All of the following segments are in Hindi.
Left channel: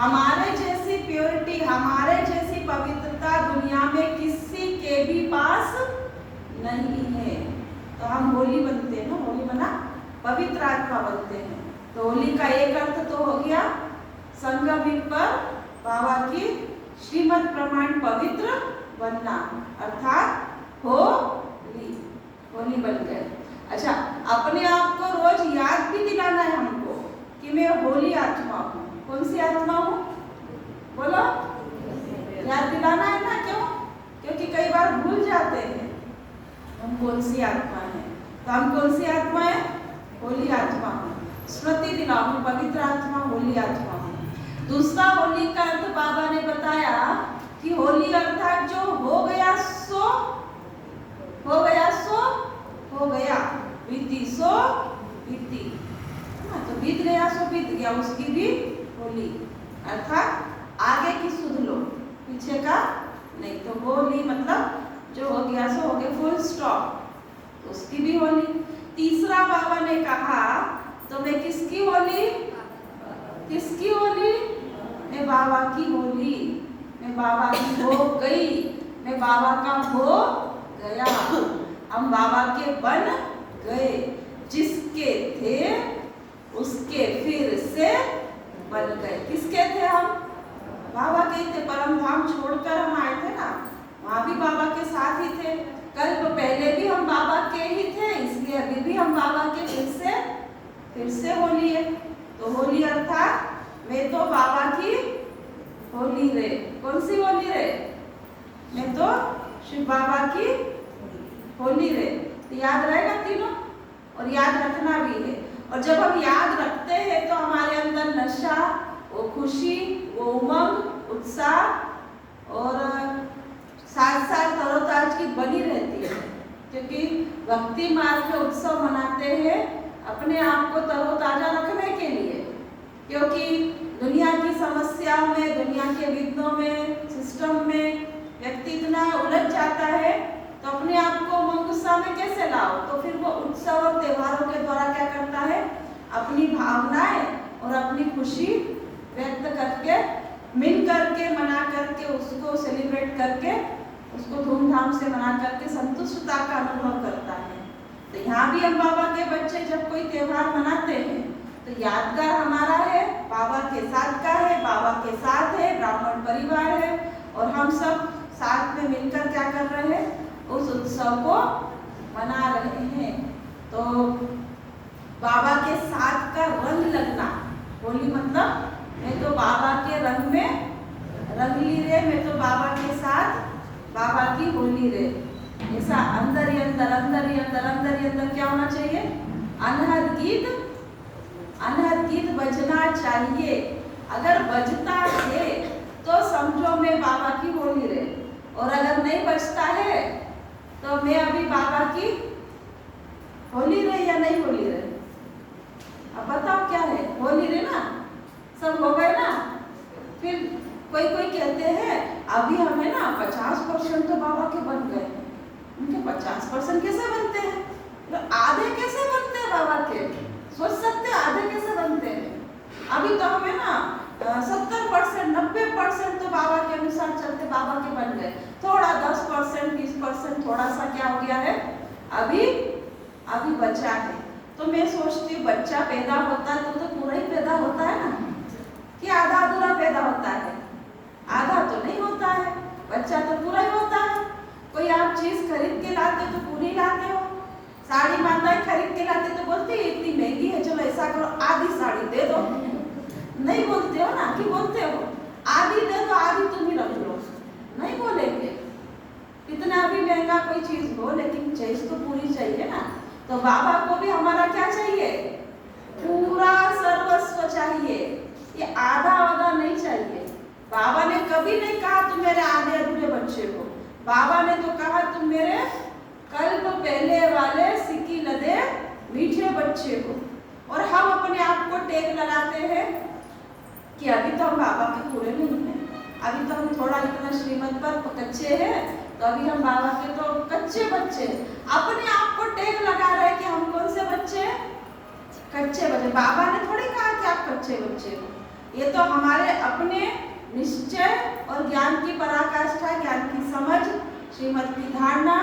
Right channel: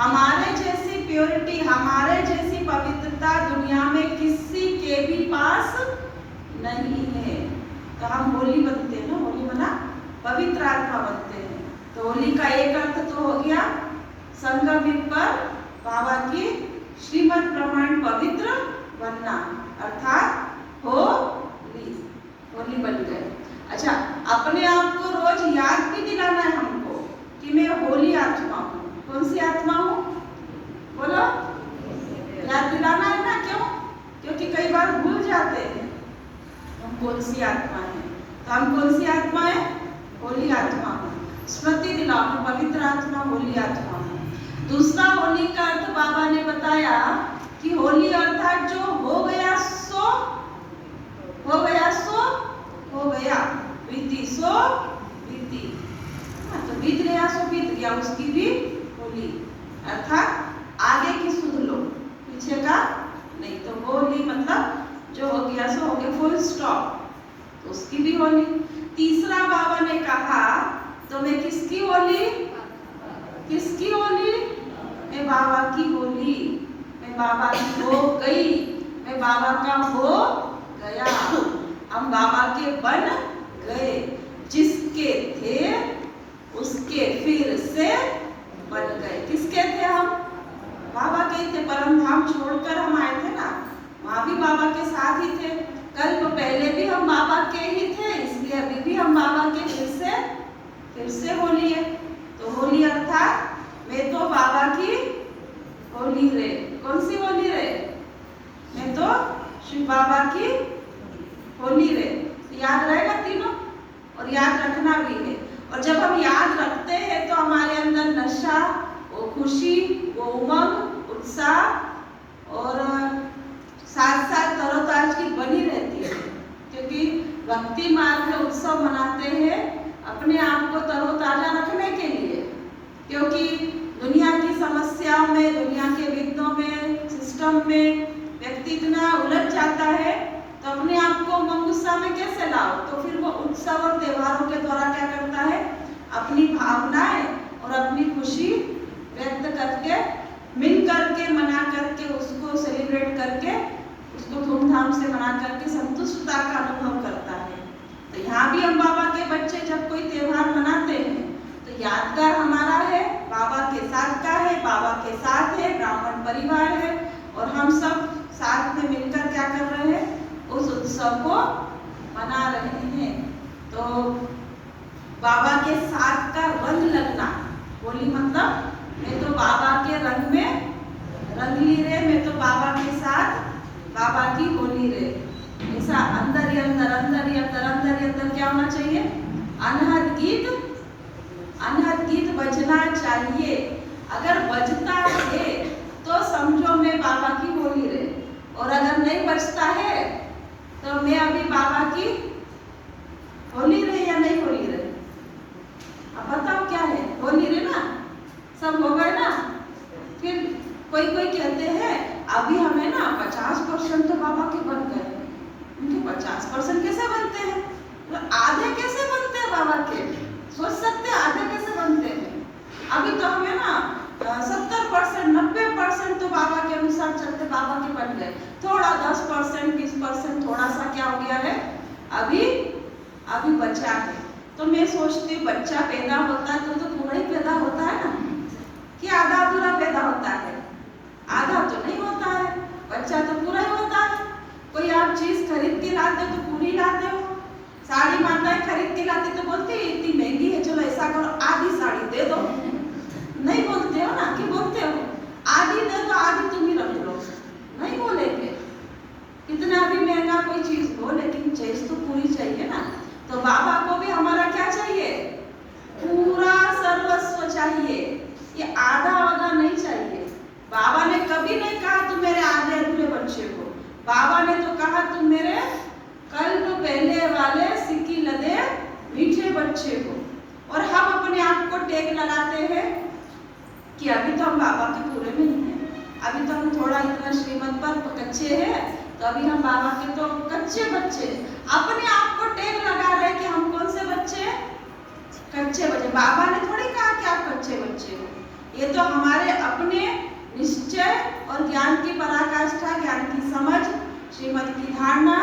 हमारे जैसी प्योरिटी, हमारे जैसी पवित्रता दुनिया में किसी के भी पास नहीं है। तो हम होली बनते हैं ना, होली मना पवित्र आत्मा बनते हैं। तो होली का एक अर्थ तो हो गया संगम पर बाबा की श्रीमत प्रमाण पवित्र बनना, अर्थात होली, होली बन गए। अच्छा, अपने आप को रोज याद भी दिलाना है हमको कि मैं होली आत्मा हूँ। कौन सी आत्मा हूँ? बोलो, याद दिलाना है ना। क्यों? क्योंकि कई बार भूल जाते हैं हम कौन सी आत्मा है। तो हम कौन सी आत्मा है? होली आत्मा हूँ। स्मृति दिलाओ, मैं पवित्र आत्मा, होली आत्मा हूँ। दूसरा होली का अर्थ बाबा ने बताया कि होली अर्थात जो हो गया सो हो गया, सो हो गया, बीती सो बीती। तो बीत गया सो बीत गया, उसकी भी होली, अर्थात आगे की सुध लो, पीछे का नहीं। तो होली मतलब जो हो गया सो हो गया, फुल स्टॉप, तो उसकी भी होली। तीसरा बाबा ने कहा तो मैं किसकी होली? किसकी होली? मैं बाबा की होली, मैं बाबा की हो गई, मैं बाबा का हो गया, हम बाबा के बन गए। जिसके थे उसके फिर से बन गए। किसके थे हम? बाबा के थे। परम धाम छोड़कर हम आए थे ना, वहाँ भी बाबा के साथ ही थे। कल्प पहले भी हम बाबा के ही थे, इसलिए अभी भी हम बाबा के फिर से होली है। तो होली अर्थात मैं तो बाबा की होली रे। कौन सी होली रे? मैं तो शिव बाबा की होली रे। तो याद रहेगा तीनों, और याद रखना भी है। और जब हम याद रखते हैं तो हमारे अंदर नशा, वो खुशी, वो उमंग, उत्साह और साथ साथ तरोताजगी बनी रहती है। क्योंकि भक्ति मार्ग में उत्सव मनाते हैं अपने आप को तरोताजा रखने के लिए। क्योंकि दुनिया की समस्याओं में, दुनिया के विघ्नों में, सिस्टम में व्यक्ति इतना उलझ जाता है, तो अपने आप को उमंग उत्साह में कैसे लाओ? तो फिर वो उत्सव और त्योहारों के द्वारा क्या करता है? अपनी भावनाएं और अपनी खुशी व्यक्त करके, मिल करके, मना करके, उसको सेलिब्रेट करके, उसको धूमधाम से मना करके संतुष्टता का अनुभव करता है। तो यहाँ भी हम बाबा के बच्चे जब कोई त्योहार मनाते हैं तो यादगार हमारा है, बाबा के साथ का है, बाबा के साथ है, ब्राह्मण परिवार है, और हम सब साथ में मिलकर क्या कर रहे हैं? उस उत्सव को मना रहे हैं। तो बाबा के साथ का रंग लगना, होली मतलब मैं तो बाबा के रंग में रंगली रे, मैं तो बाबा के साथ बाबा की होली रे। ऐसा अंदर ही अंदर, अंदर ही अंदर, अंदर ही अंदर क्या होना चाहिए? अनहद गीत बजना चाहिए। अगर बजता है तो समझो मैं बाबा की होली रे, और अगर नहीं बजता है तो मैं अभी बाबा की होली रे या नहीं होली रे? अब बताओ क्या है? होली रे ना, सब हो गए ना। फिर कोई कहते हैं अभी हमें ना 50% तो बाबा के बन गए। उनके 50% कैसे बनते हैं? तो आधे कैसे बनते हैं बाबा के? सोच सकते हैं आधे कैसे बनते हैं? अभी तो हमें ना 70%, 90% तो बाबा के अनुसार चलते बाबा के बन गए। थोड़ा 10%, 20% थोड़ा सा क्या हो गया है? अभी बचा है। तो मैं सोचती हूँ बच्चा पैदा होता है तो पूरा ही पैदा होता है ना, कि आधा अधूरा पैदा होता है? आधा तो नहीं होता है, बच्चा तो पूरा ही होता है। कोई आप चीज खरीद के लाते तो पूरी लाते हो। साड़ी माताएं खरीद के लाते तो बोलती है इतनी महंगी है, चलो ऐसा करो आधी साड़ी दे दो। नहीं बोलते हो ना, कि बोलते हो आधी दे दो, आधी तुम ही रख लो? नहीं बोलेंगे। कितना भी महंगा कोई चीज हो, लेकिन चीज तो पूरी चाहिए ना। तो बाबा को भी हमारा क्या चाहिए? पूरा सर्वस्व चाहिए। ये आधा आधा नहीं चाहिए। बाबा ने कभी नहीं कहा तुम मेरे आधे अधूरे बच्चे हो। बाबा ने तो कहा तुम मेरे कल्प पहले वाले सिक्की लदे मीठे बच्चे हो। और हम अपने आप को टेक लगाते हैं कि अभी तो हम बाबा के पूरे में नहीं हैं, अभी तो हम थोड़ा इतना श्रीमत पर कच्चे हैं, तो अभी हम बाबा के तो कच्चे बच्चे। अपने आप को टेक लगा रहे कि हम कौन से बच्चे? कच्चे बच्चे। बाबा ने थोड़ी कहा कि आप कच्चे बच्चे हो। ये तो हमारे अपने निश्चय और ज्ञान की पराकाष्ठा, ज्ञान की समझ, श्रीमत की धारणा,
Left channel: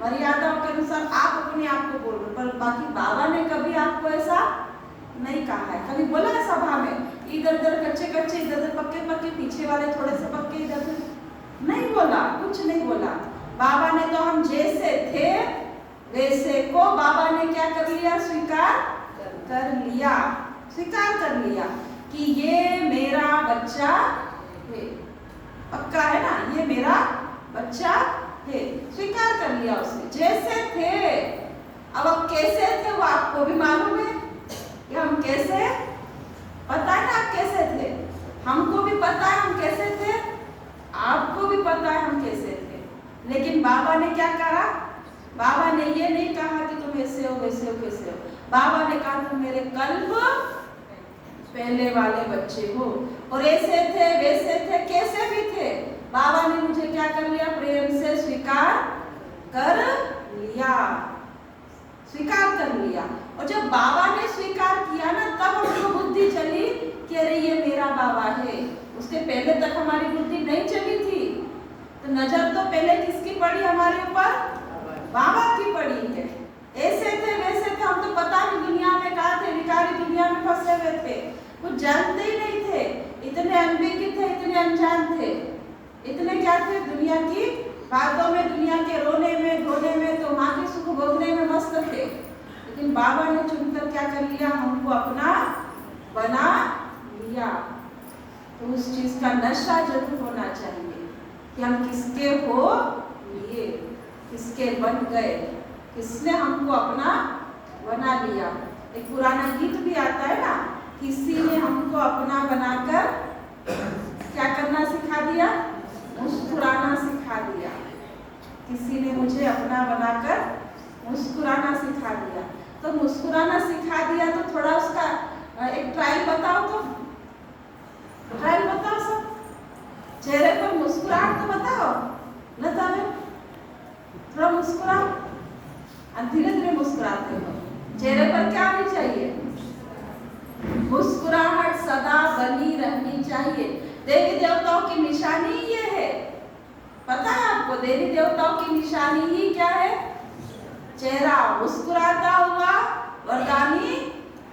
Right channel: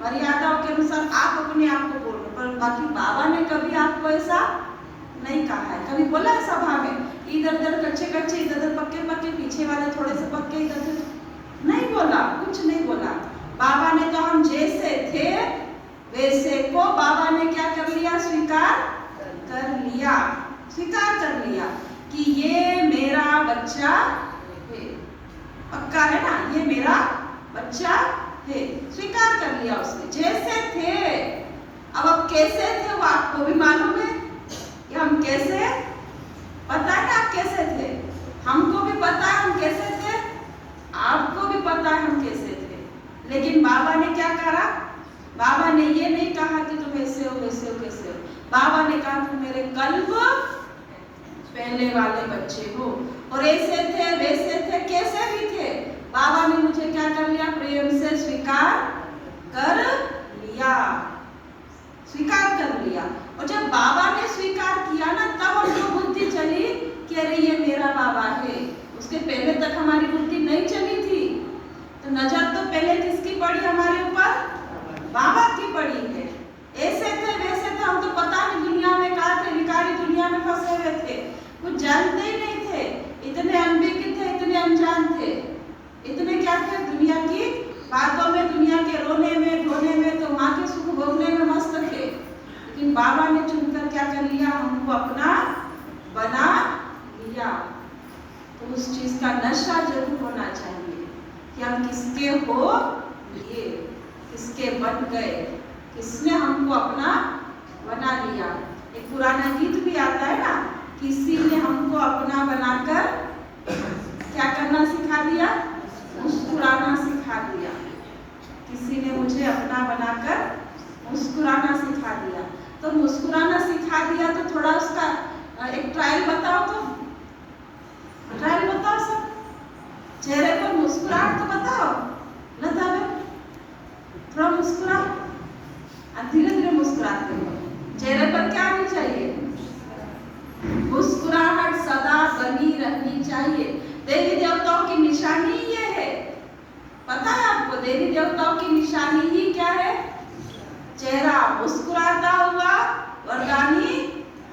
मर्यादाओं के अनुसार आप अपने आप को बोल रहे, पर बाकी बाबा ने कभी आपको ऐसा नहीं कहा है। कभी बोला है सभा में इधर उधर कच्चे कच्चे, इधर उधर पक्के पक्के, पीछे वाले थोड़े से पक्के, इधर उधर नहीं बोला, कुछ नहीं बोला। बाबा ने तो हम जैसे थे वैसे को बाबा ने क्या कर लिया, स्वीकार कर लिया, स्वीकार कर लिया कि ये मेरा बच्चा है। पक्का है ना, ये मेरा बच्चा है, स्वीकार कर लिया उसने। जैसे थे, अब कैसे थे वो आपको भी मालूम है कि हम कैसे, पता है ना आप कैसे थे, हमको भी पता है हम कैसे थे, आपको भी पता है हम कैसे थे। लेकिन बाबा ने क्या कहा, बाबा ने ये नहीं कहा कि तुम ऐसे हो वैसे हो कैसे हो, बाबा ने कहा तुम मेरे कल्ब पहले वाले बच्चे हो, और ऐसे थे वैसे थे कैसे भी थे, बाबा ने मुझे क्या कर लिया, प्रेम से स्वीकार कर लिया, स्वीकार कर लिया। और जब बाबा ने स्वीकार किया ना, तब हमको बुद्धि चली कि अरे ये मेरा बाबा है। उसके पहले तक हमारी बुद्धि नहीं चली थी। तो नजर तो पहले किसकी पड़ी हमारे ऊपर, बाबा की पड़ी है। ऐसे थे वैसे थे, हम तो पता नहीं दुनिया में कहाँ थे, विकारी दुनिया में फंसे हुए थे, कुछ जानते ही नहीं थे, इतने अनभिज्ञ थे, इतने अनजान थे, इतने क्या थे, दुनिया की बातों में, दुनिया के रोने में धोने में, तो वहाँ के सुख भोगने में मस्त थे। लेकिन बाबा ने चुनकर क्या कर लिया, हमको अपना बना लिया। तो उस चीज का नशा जरूर होना चाहिए कि हम किसके हो लिए, किसके बन गए, किसने हमको अपना बना लिया। एक पुराना गीत भी आता है ना, किसी ने हमको अपना बनाकर क्या करना सिखा दिया, मुस्कुराना सिखा दिया। किसी ने मुझे अपना बनाकर मुस्कुराना सिखा दिया। तो मुस्कुराना सिखा दिया तो थोड़ा उसका एक ट्रायल बताओ, तो ट्रायल बताओ सब, चेहरे पर मुस्कुराहट तो बताओ, लता में थोड़ा मुस्कुराओ, धीरे धीरे मुस्कुराते हो, चेहरे पर क्या होनी चाहिए, मुस्कुराहट सदा बनी रहनी चाहिए। देवी देवताओं की निशानी ये है, पता है आपको, देवी देवताओं की निशानी ही क्या है, चेहरा मुस्कुराता हुआ, वरदानी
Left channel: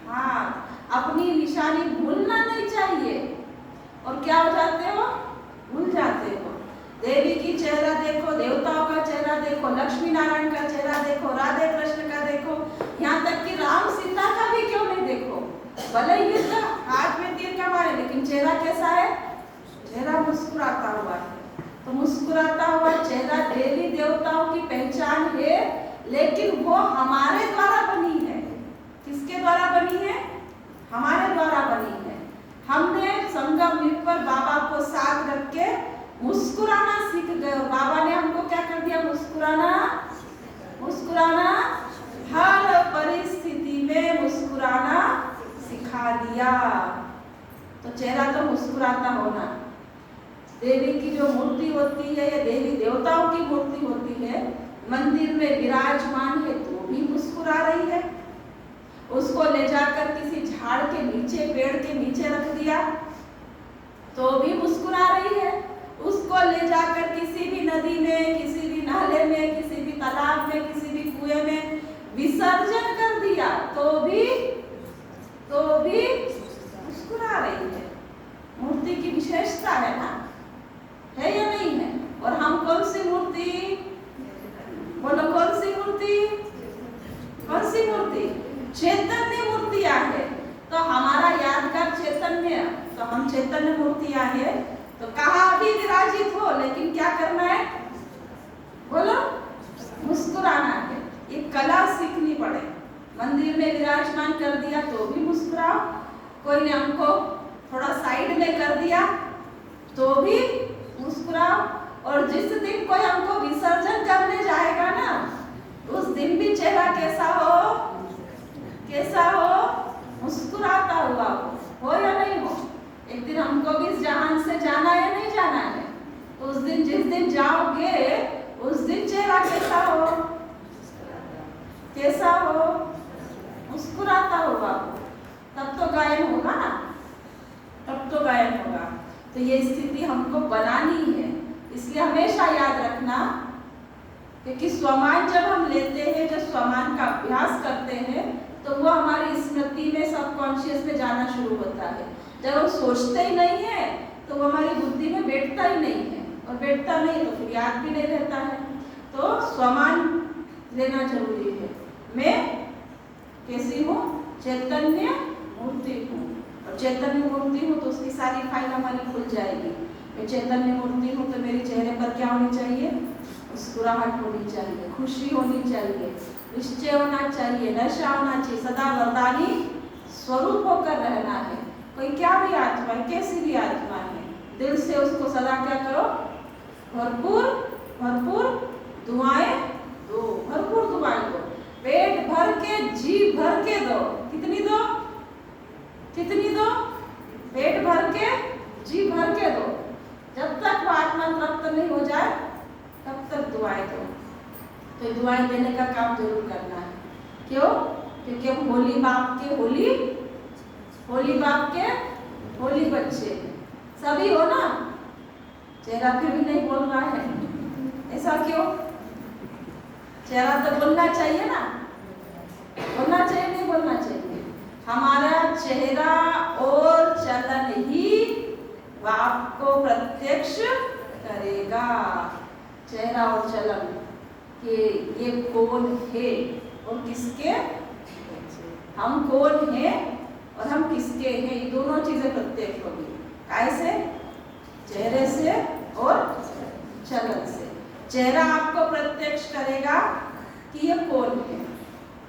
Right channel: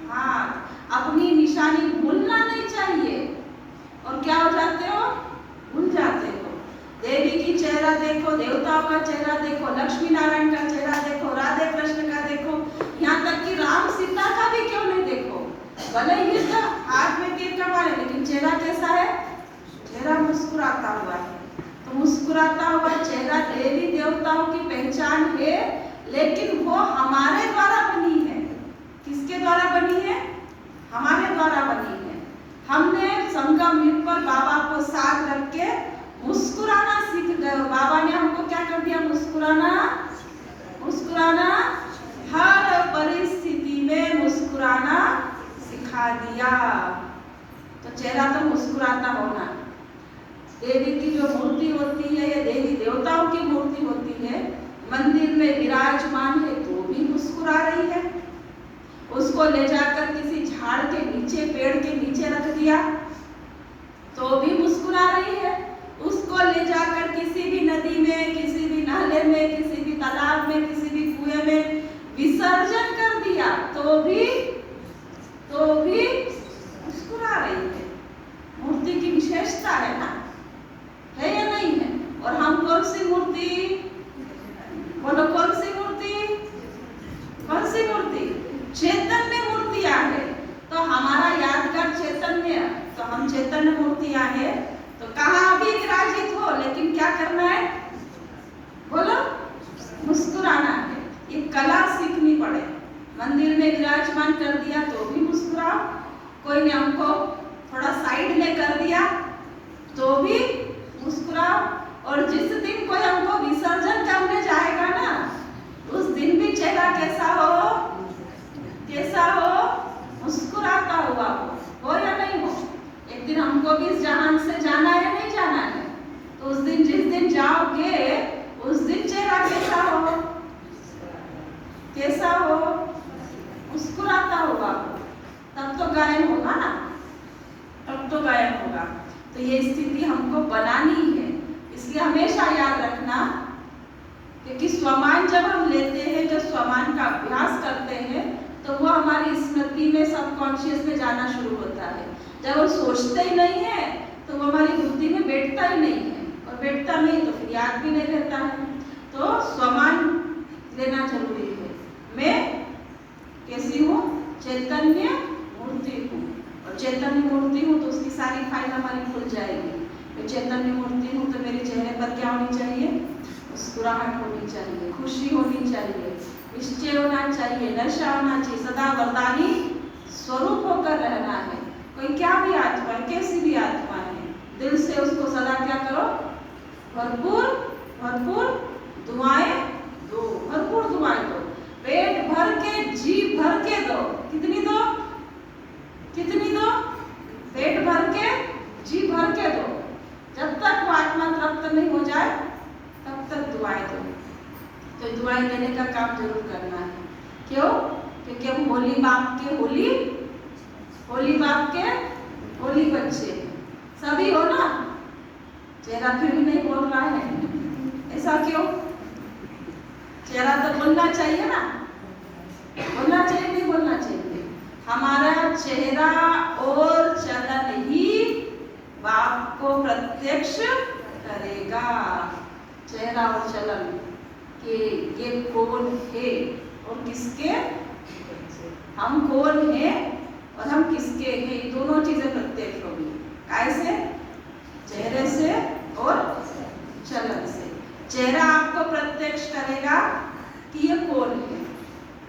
हाथ। अपनी निशानी भूलना नहीं चाहिए, और क्या हो जाते हो, भूल जाते हो। देवी की चेहरा देखो, देवताओं का चेहरा देखो, लक्ष्मी नारायण का चेहरा देखो, राधे कृष्ण का देखो, यहाँ तक कि राम सीता का भी क्यों नहीं देखो, भले युद्ध हाथ में तीर कमाए, लेकिन चेहरा कैसा है, चेहरा मुस्कुराता हुआ है। तो मुस्कुराता हुआ चेहरा देवी देवताओं की पहचान है, लेकिन वो हमारे द्वारा बनी है। किसके द्वारा बनी है, हमारे द्वारा बनी है। हमने संगम युग पर बाबा को साथ रख के मुस्कुराना सीख गए, और बाबा ने हमको क्या कर दिया, मुस्कुराना, मुस्कुराना, हर परिस्थिति में मुस्कुराना सिखा दिया। तो चेहरा तो मुस्कुराता होना। देवी की जो मूर्ति होती है, या देवी देवताओं की मूर्ति होती है, मंदिर में विराजमान है तो भी मुस्कुरा रही है। उसको ले जाकर किसी झाड़ के नीचे, पेड़ के नीचे रख दिया तो भी मुस्कुरा रही है। उसको ले जाकर किसी भी नदी में, किसी भी नाले में, किसी भी तालाब में, किसी भी कुएं में विसर्जन कर दिया तो भी मुस्कुरा रही है। मूर्ति की विशेषता है ना, है या नहीं है। और हम कौन सी मूर्ति, बोलो कौन सी मूर्ति, कौन सी मूर्ति, चैतन्य मूर्तियां है। तो हमारा यादगार चैतन्य, तो हम चैतन्य मूर्तियां है, तो कहाँ भी विराजित हो, लेकिन क्या करना है, बोलो मुस्कुराना है। ये कला सीखनी पड़े। मंदिर में विराजमान कर दिया तो भी मुस्कुराओ, कोई ने हमको थोड़ा साइड में कर दिया तो भी मुस्कुराओ। और जिस दिन कोई हमको विसर्जन करने जाएगा ना, उस दिन भी चेहरा कैसा हो, कैसा हो, मुस्कुराता हुआ हो या नहीं हो। एक दिन हमको भी इस जहान से जाना है, नहीं जाना है, तो उस दिन, जिस दिन जाओगे उस दिन चेहरा कैसा हो, कैसा हो, मुस्कुराता हुआ हो, तब तो गायन होगा ना, तब तो गायब होगा। तो ये स्थिति हमको बनानी है। इसलिए हमेशा याद रखना कि स्वमान जब हम लेते हैं, जब स्वमान का अभ्यास करते हैं, तो वो हमारी स्मृति में, सबकॉन्शियस में जाना शुरू होता है। जब वो सोचते ही नहीं है तो वो हमारी बुद्धि में बैठता ही नहीं है, और बैठता नहीं तो फिर याद भी नहीं रहता है। तो स्वमान लेना जरूरी है। मैं कैसी हूँ? चैतन्य मूर्ति हूँ, और चैतन्य मूर्ति हूँ तो उसकी सारी फाइल हमारी खुल जाएगी। मैं चैतन्य मूर्ति हूँ तो मेरे चेहरे पर क्या होनी चाहिए? मुस्कुराहट होनी चाहिए, खुशी होनी चाहिए, निश्चय होना चाहिए, नशा होना चाहिए, सदा वरदानी स्वरूप होकर रहना है। कोई क्या भी आत्मा, कैसी भी आत्मा है, दिल से उसको सदा क्या करो? भरपूर भरपूर दुआएं दो, भरपूर दुआएं दो, पेट भर के, जी भर के दो। कितनी दो? कितनी दो? पेट भर के, जी भर के दो। जब तक वो आत्मा तृप्त नहीं हो जाए तब तक दुआएं दो। तो दुआएं देने का काम जरूर करना है। क्यों? क्योंकि हम होली बाप के होली बच्चे सभी हो ना। चेहरा फिर भी नहीं बोल रहा है, ऐसा क्यों? चेहरा तो बोलना चाहिए ना, बोलना चाहिए नहीं बोलना चाहिए? हमारा चेहरा और चलन ही बाप को प्रत्यक्ष करेगा। चेहरा और चलन कि ये कौन है और किसके, हम कौन हैं और हम किसके हैं, ये दोनों चीजें प्रत्यक्ष होगी। कैसे? चेहरे से और चलन से। चेहरा आपको प्रत्यक्ष करेगा कि ये कौन है,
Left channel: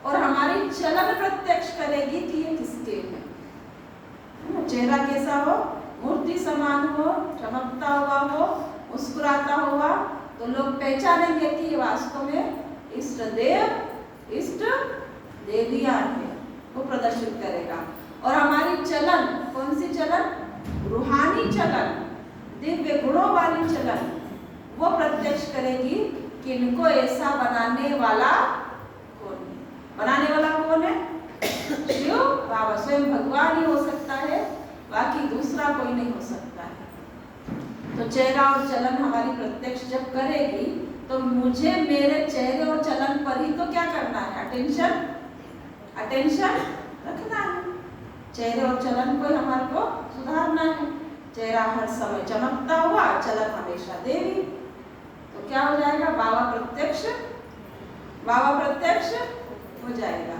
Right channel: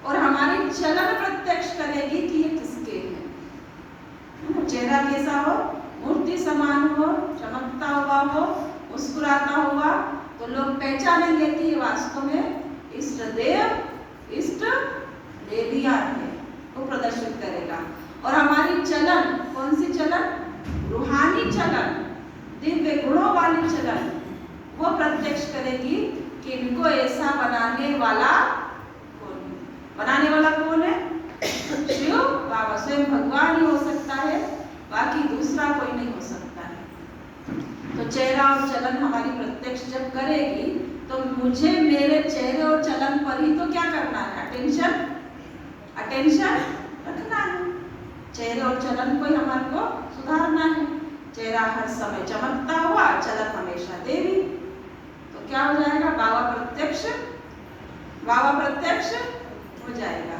और हमारी चलन प्रत्यक्ष करेगी कि ये किसके हैं। चेहरा कैसा हो? मूर्ति समान हो, चमकता हुआ हो, मुस्कुराता हुआ, तो लोग पहचानेंगे कि ये वास्तव में इष्ट देव, इष्ट देविया है, वो प्रदर्शित करेगा। और हमारी चलन, कौन सी चलन? रूहानी चलन, दिव्य गुणों वाली चलन, वो प्रत्यक्ष करेगी कि इनको ऐसा बनाने वाला कौन है। बनाने वाला कौन है? शिव बाबा, स्वयं भगवान ही हो सकता है, बाकी दूसरा कोई नहीं हो सकता है। तो चेहरा और चलन हमारी प्रत्यक्ष जब करेगी तो मुझे मेरे चेहरे और चलन पर ही तो क्या करना है? अटेंशन रखना है। चेहरे और चलन को ही हमारे को सुधारना है। चेहरा हर समय चमकता हुआ, चलन हमेशा देवी, तो क्या हो जाएगा? बाबा प्रत्यक्ष हो जाएगा।